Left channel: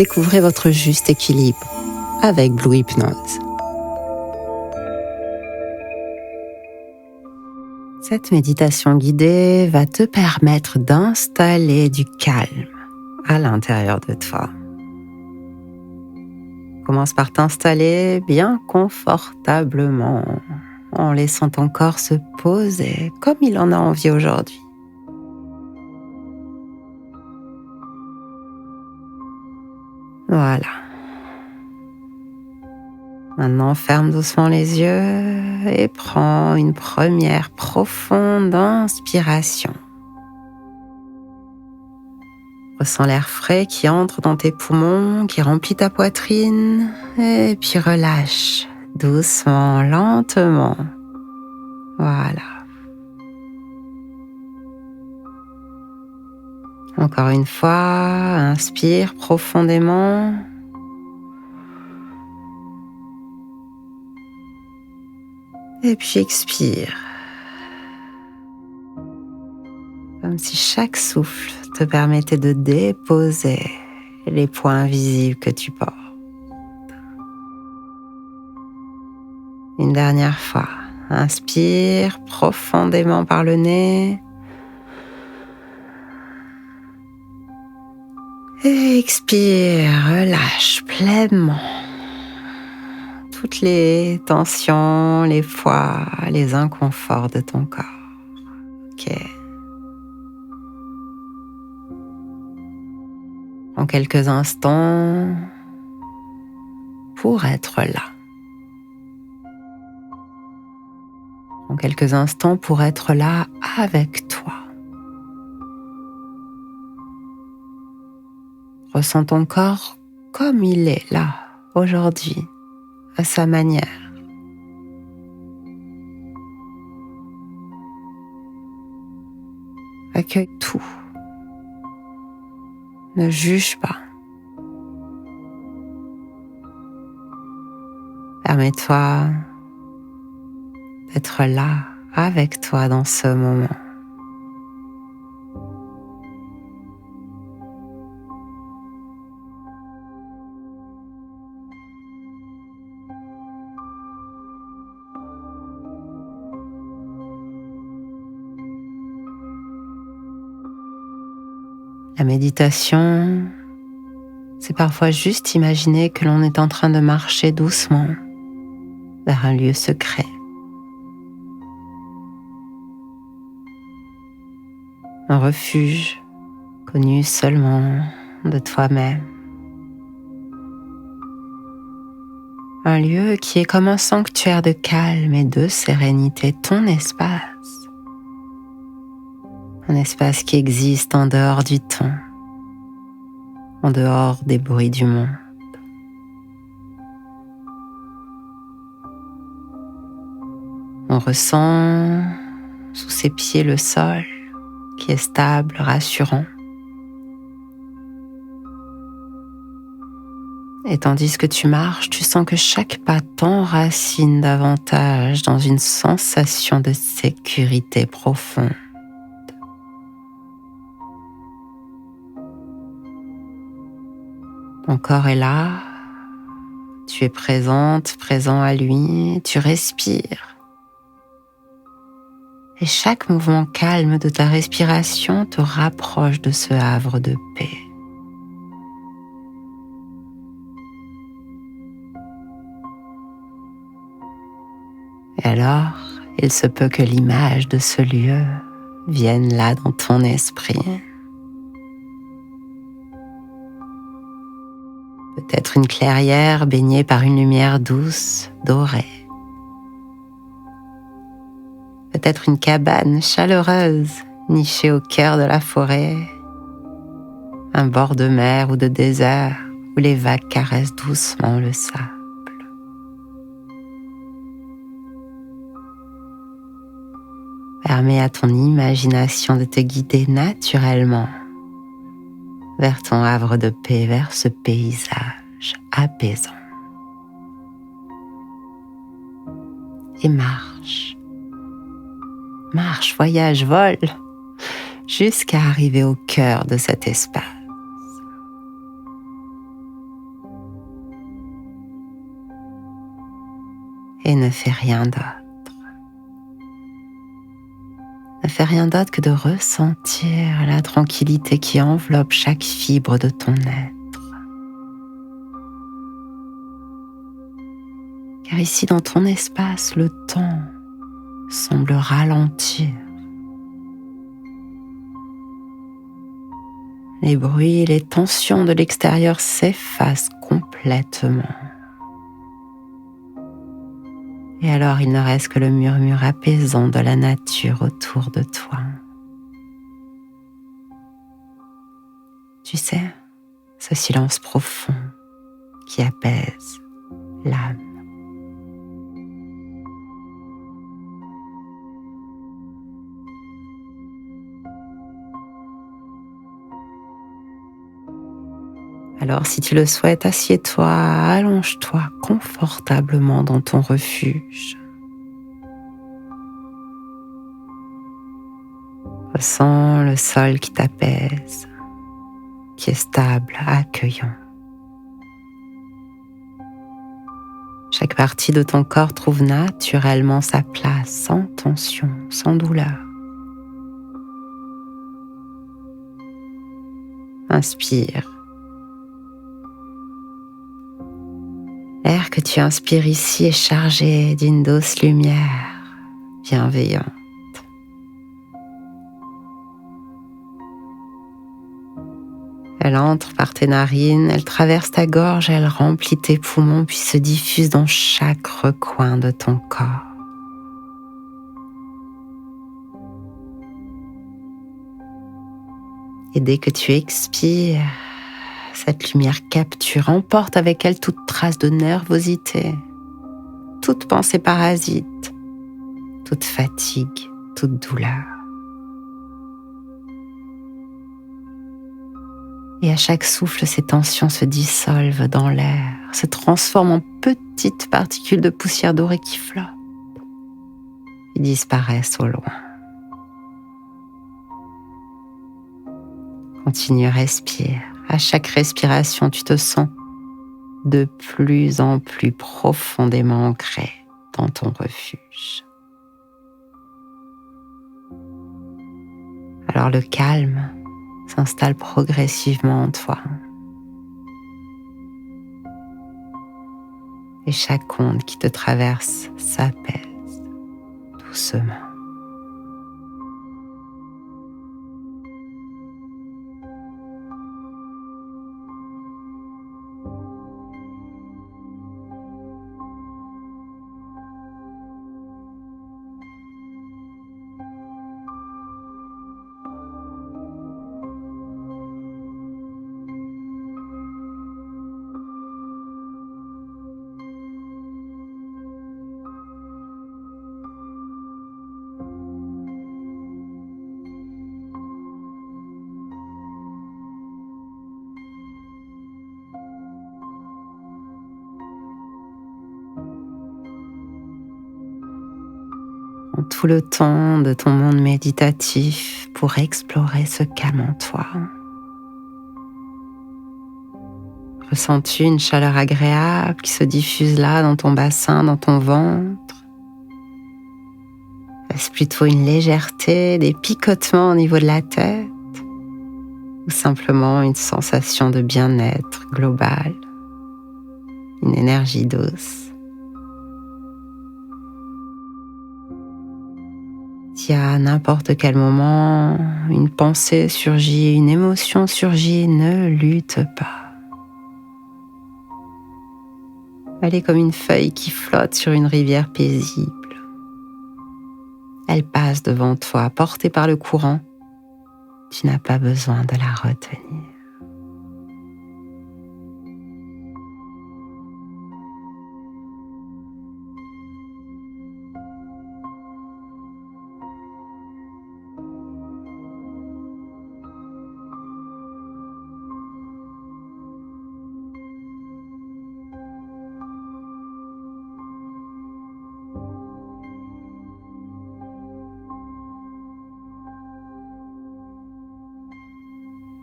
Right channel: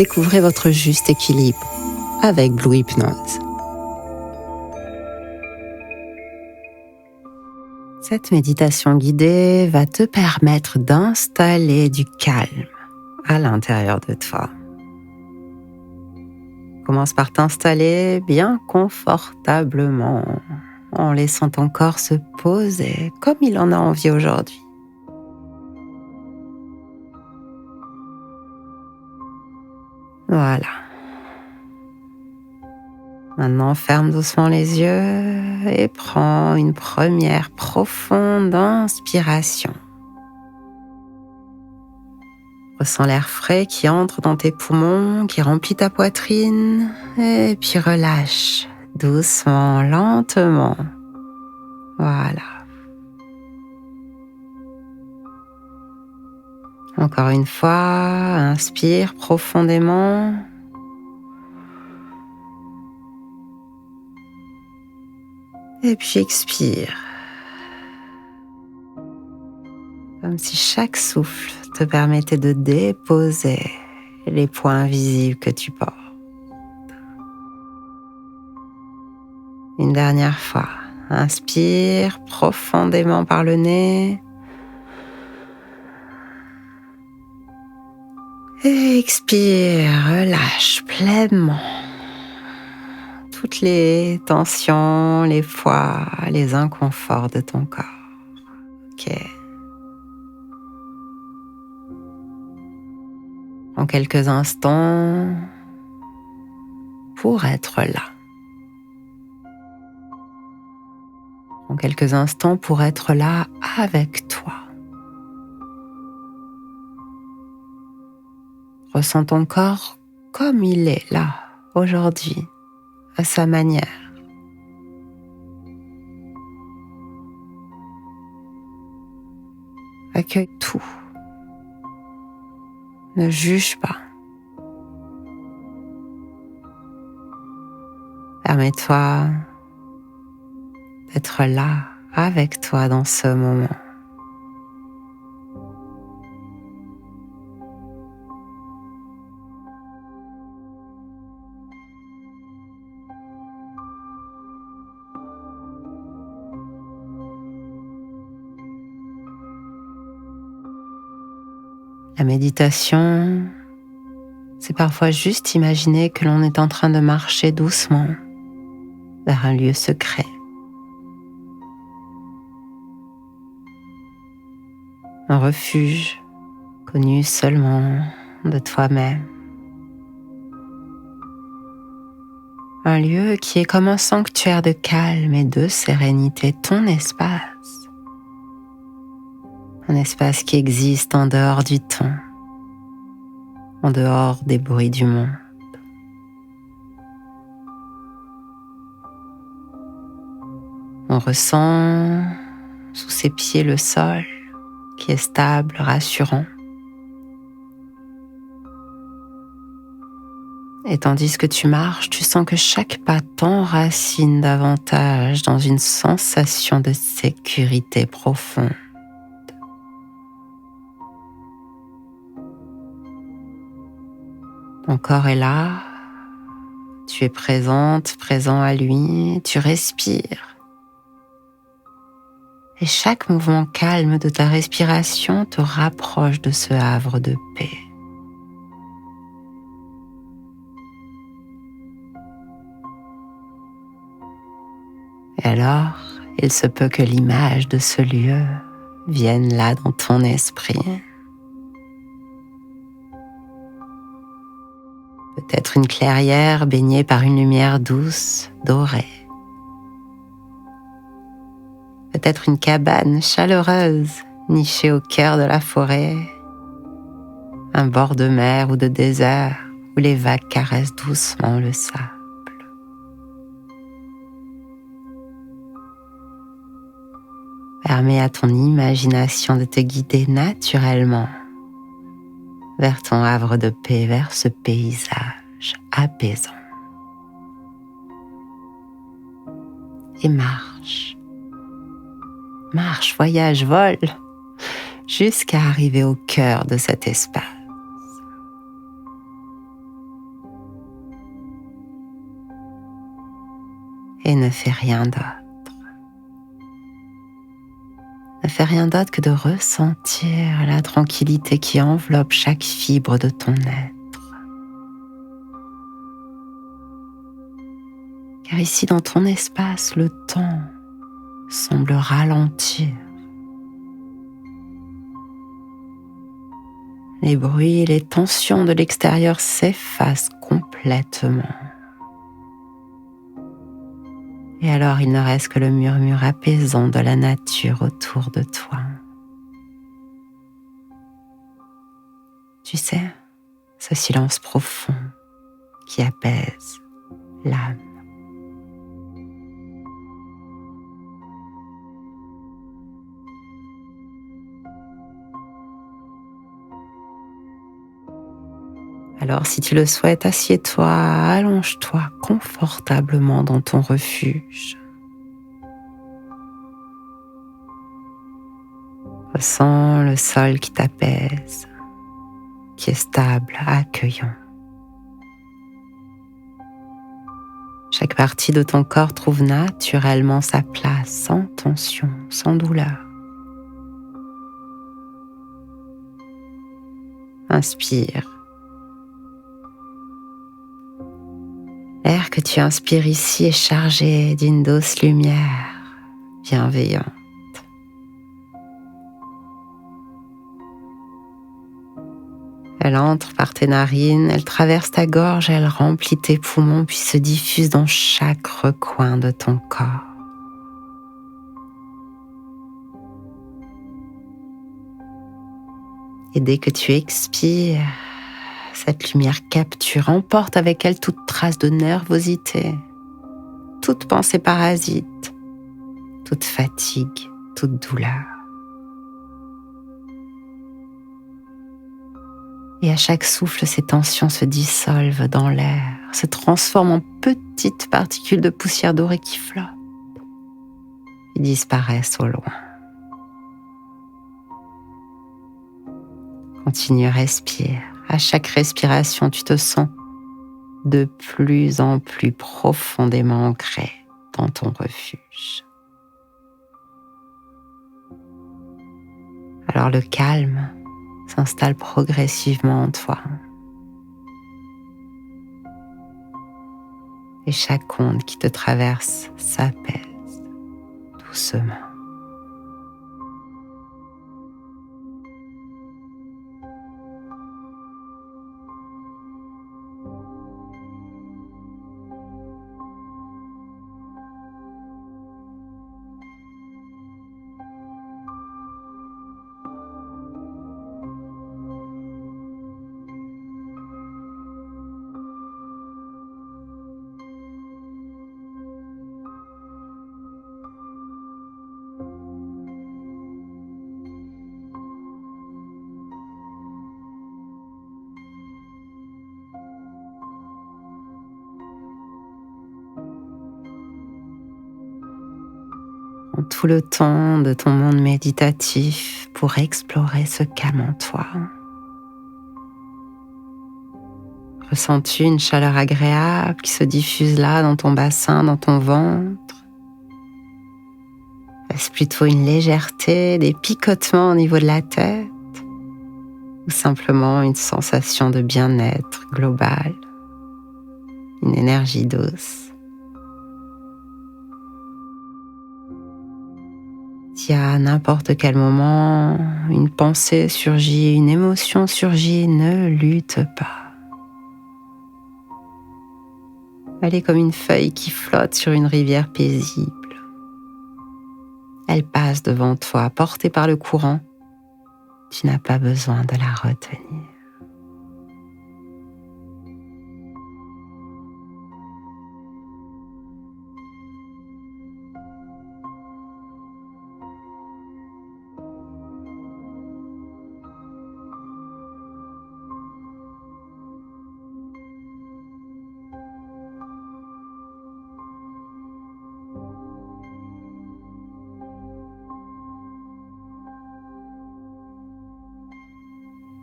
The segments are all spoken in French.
découvrez votre juste équilibre avec Blue Hypnose. Cette méditation guidée va te permettre d'installer du calme à l'intérieur de toi. Commence par t'installer bien confortablement en laissant ton corps se poser comme il en a envie aujourd'hui. Voilà. Maintenant, ferme doucement les yeux et prends une première profonde inspiration. Ressens l'air frais qui entre dans tes poumons, qui remplit ta poitrine, et puis relâche doucement, lentement. Voilà. Encore une fois, inspire profondément. Et puis expire. Comme si chaque souffle te permettait de déposer les points invisibles que tu portes. Une dernière fois, inspire profondément par le nez. Et expire, relâche pleinement toutes les tensions, les poids, les inconforts de ton corps. Ok. En quelques instants pour être là. En quelques instants pour être là avec toi. Ressens ton corps comme il est là, aujourd'hui, à sa manière. Accueille tout. Ne juge pas. Permets-toi d'être là avec toi dans ce moment. La méditation, c'est parfois juste imaginer que l'on est en train de marcher doucement vers un lieu secret. Un refuge connu seulement de toi-même. Un lieu qui est comme un sanctuaire de calme et de sérénité, ton espace. Un espace qui existe en dehors du temps, en dehors des bruits du monde. On ressent sous ses pieds le sol qui est stable, rassurant. Et tandis que tu marches, tu sens que chaque pas t'enracine davantage dans une sensation de sécurité profonde. Ton corps est là, tu es présente, présent à lui, tu respires. Et chaque mouvement calme de ta respiration te rapproche de ce havre de paix. Et alors, il se peut que l'image de ce lieu vienne là dans ton esprit. Peut-être une clairière baignée par une lumière douce, dorée. Peut-être une cabane chaleureuse, nichée au cœur de la forêt. Un bord de mer ou de désert où les vagues caressent doucement le sable. Permets à ton imagination de te guider naturellement vers ton havre de paix, vers ce paysage apaisant. Et marche, voyage, vole, jusqu'à arriver au cœur de cet espace. et ne fais rien d'autre. Ne fais rien d'autre que de ressentir la tranquillité qui enveloppe chaque fibre de ton être. Car ici, dans ton espace, le temps semble ralentir. Les bruits et les tensions de l'extérieur s'effacent complètement. Et alors il ne reste que le murmure apaisant de la nature autour de toi. Tu sais, ce silence profond qui apaise l'âme. Alors si tu le souhaites, assieds-toi, allonge-toi confortablement dans ton refuge. Ressens le sol qui t'apaise, qui est stable, accueillant. Chaque partie de ton corps trouve naturellement sa place, sans tension, sans douleur. Inspire. L'air que tu inspires ici est chargé d'une douce lumière bienveillante. Elle entre par tes narines, elle traverse ta gorge, elle remplit tes poumons puis se diffuse dans chaque recoin de ton corps. Et dès que tu expires, cette lumière capture, emporte avec elle toute trace de nervosité, toute pensée parasite, toute fatigue, toute douleur. Et à chaque souffle, ces tensions se dissolvent dans l'air, se transforment en petites particules de poussière dorée qui flottent et disparaissent au loin. Continue, respire. À chaque respiration, tu te sens de plus en plus profondément ancré dans ton refuge. Alors le calme s'installe progressivement en toi. Et chaque onde qui te traverse s'apaise doucement. Prends tout le temps de ton monde méditatif pour explorer ce calme en toi. Ressens-tu une chaleur agréable qui se diffuse là dans ton bassin, dans ton ventre? Est-ce plutôt une légèreté, des picotements au niveau de la tête? Ou simplement une sensation de bien-être global, une énergie douce? Si à n'importe quel moment, une pensée surgit, une émotion surgit, ne lutte pas. Elle est comme une feuille qui flotte sur une rivière paisible. Elle passe devant toi, portée par le courant. Tu n'as pas besoin de la retenir.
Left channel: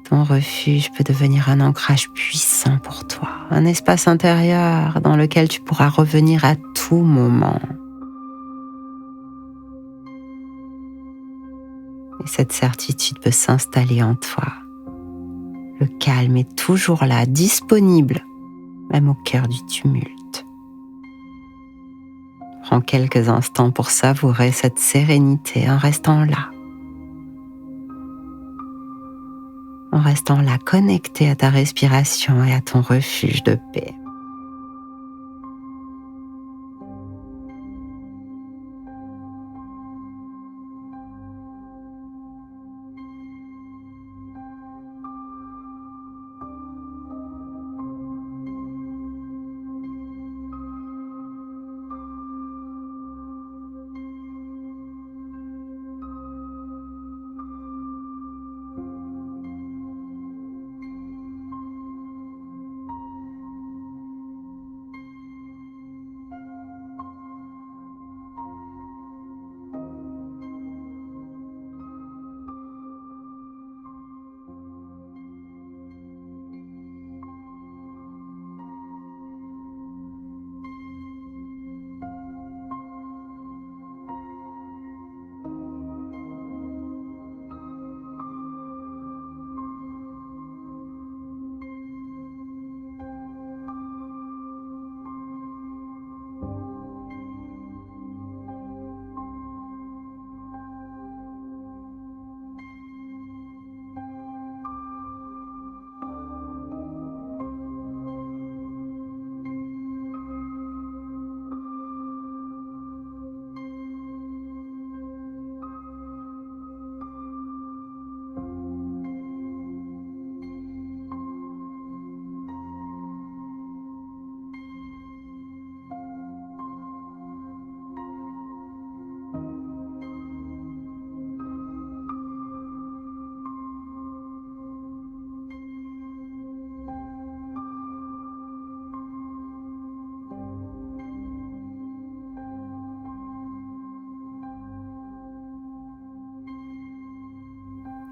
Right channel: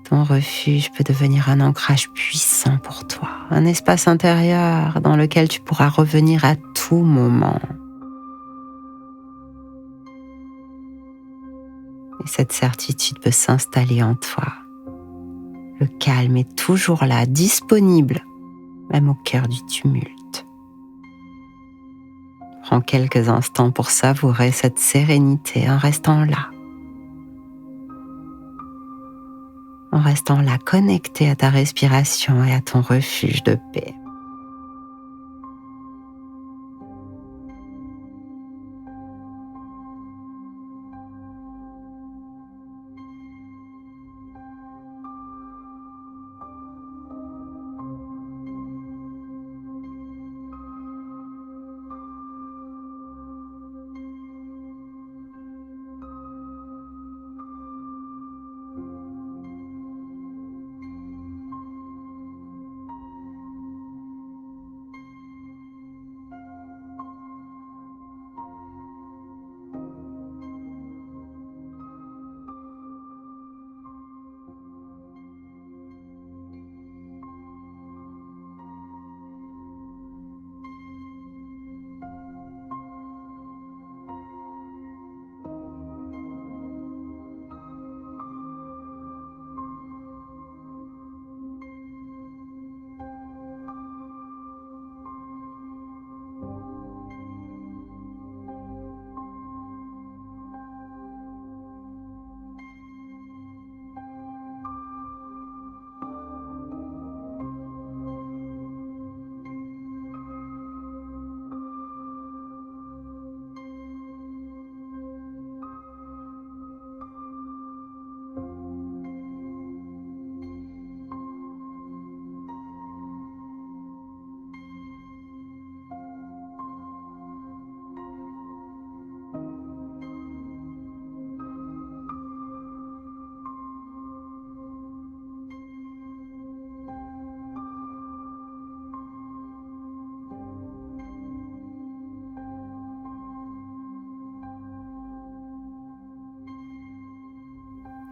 Ton refuge peut devenir un ancrage puissant pour toi, un espace intérieur dans lequel tu pourras revenir à tout moment. Et cette certitude peut s'installer en toi. Le calme est toujours là, disponible, même au cœur du tumulte. Prends quelques instants pour savourer cette sérénité en restant là. En restant là, connecté à ta respiration et à ton refuge de paix.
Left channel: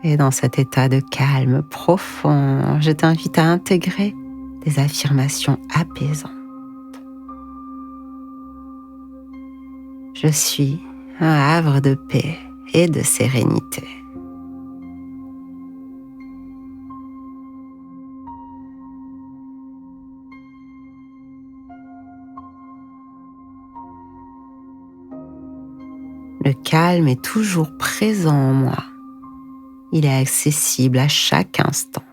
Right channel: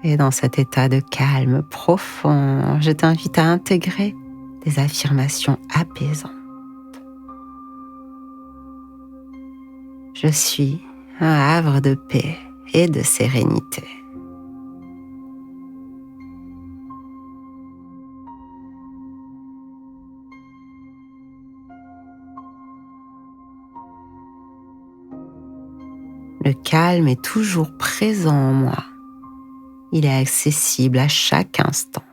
Et dans cet état de calme profond, je t'invite à intégrer des affirmations apaisantes. Je suis un havre de paix et de sérénité. Le calme est toujours présent en moi. Il est accessible à chaque instant.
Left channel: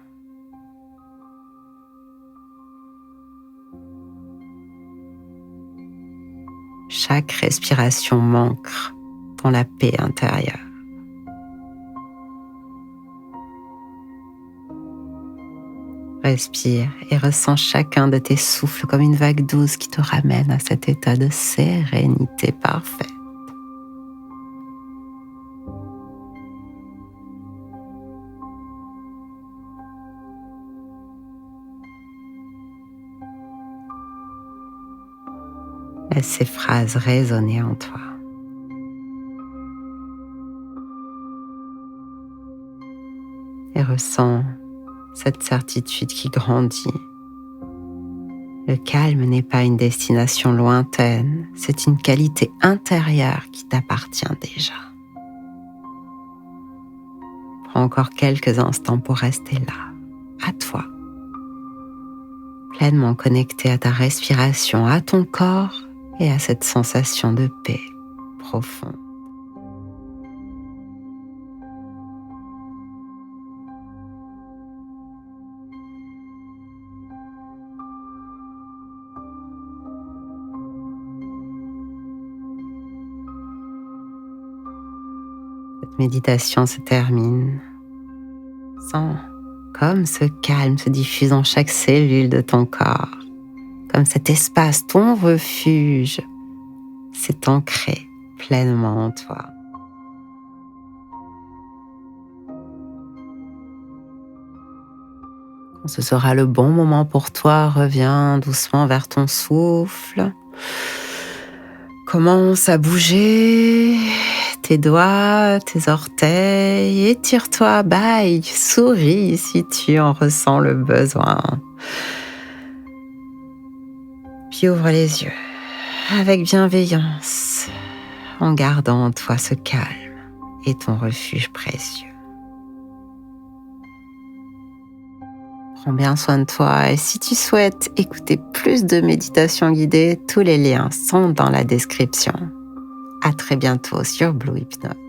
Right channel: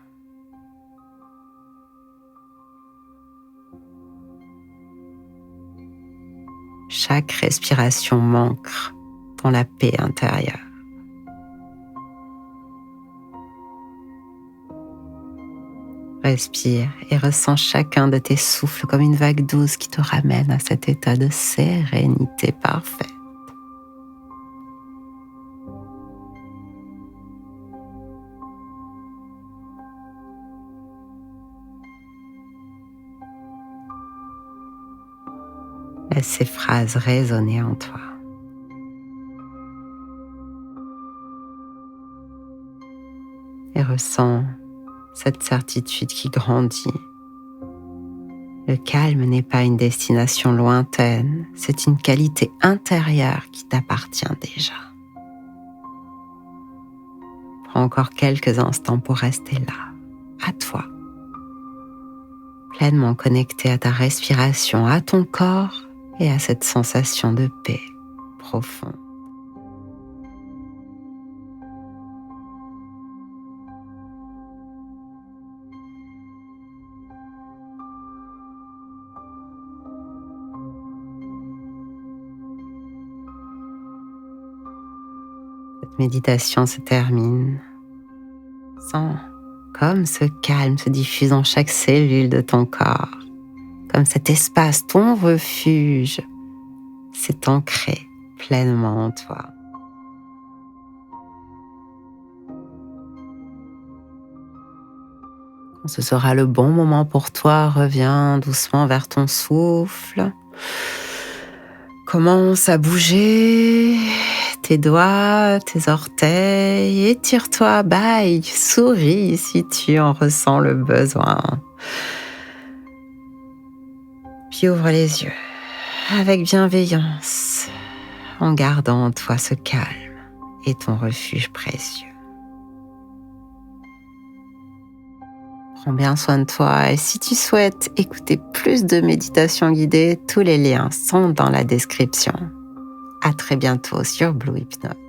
Chaque respiration m'ancre dans la paix intérieure. Respire et ressens chacun de tes souffles comme une vague douce qui te ramène à cet état de sérénité parfaite. Laisse ces phrases résonner en toi. Et ressens cette certitude qui grandit. Le calme n'est pas une destination lointaine, c'est une qualité intérieure qui t'appartient déjà. Prends encore quelques instants pour rester là, à toi, pleinement connecté à ta respiration, à ton corps et à cette sensation de paix profonde. Cette méditation se termine. Sens comme ce calme se diffuse dans chaque cellule de ton corps, comme cet espace, ton refuge, s'est ancré pleinement en toi. Quand ce sera le bon moment pour toi, reviens doucement vers ton souffle. Commence à bouger tes doigts, tes orteils, étire-toi, bye, souris si tu en ressens le besoin. Puis ouvre les yeux avec bienveillance, en gardant en toi ce calme et ton refuge précieux. Prends bien soin de toi et si tu souhaites écouter plus de méditations guidées, tous les liens sont dans la description. À très bientôt sur Blue Hypnose.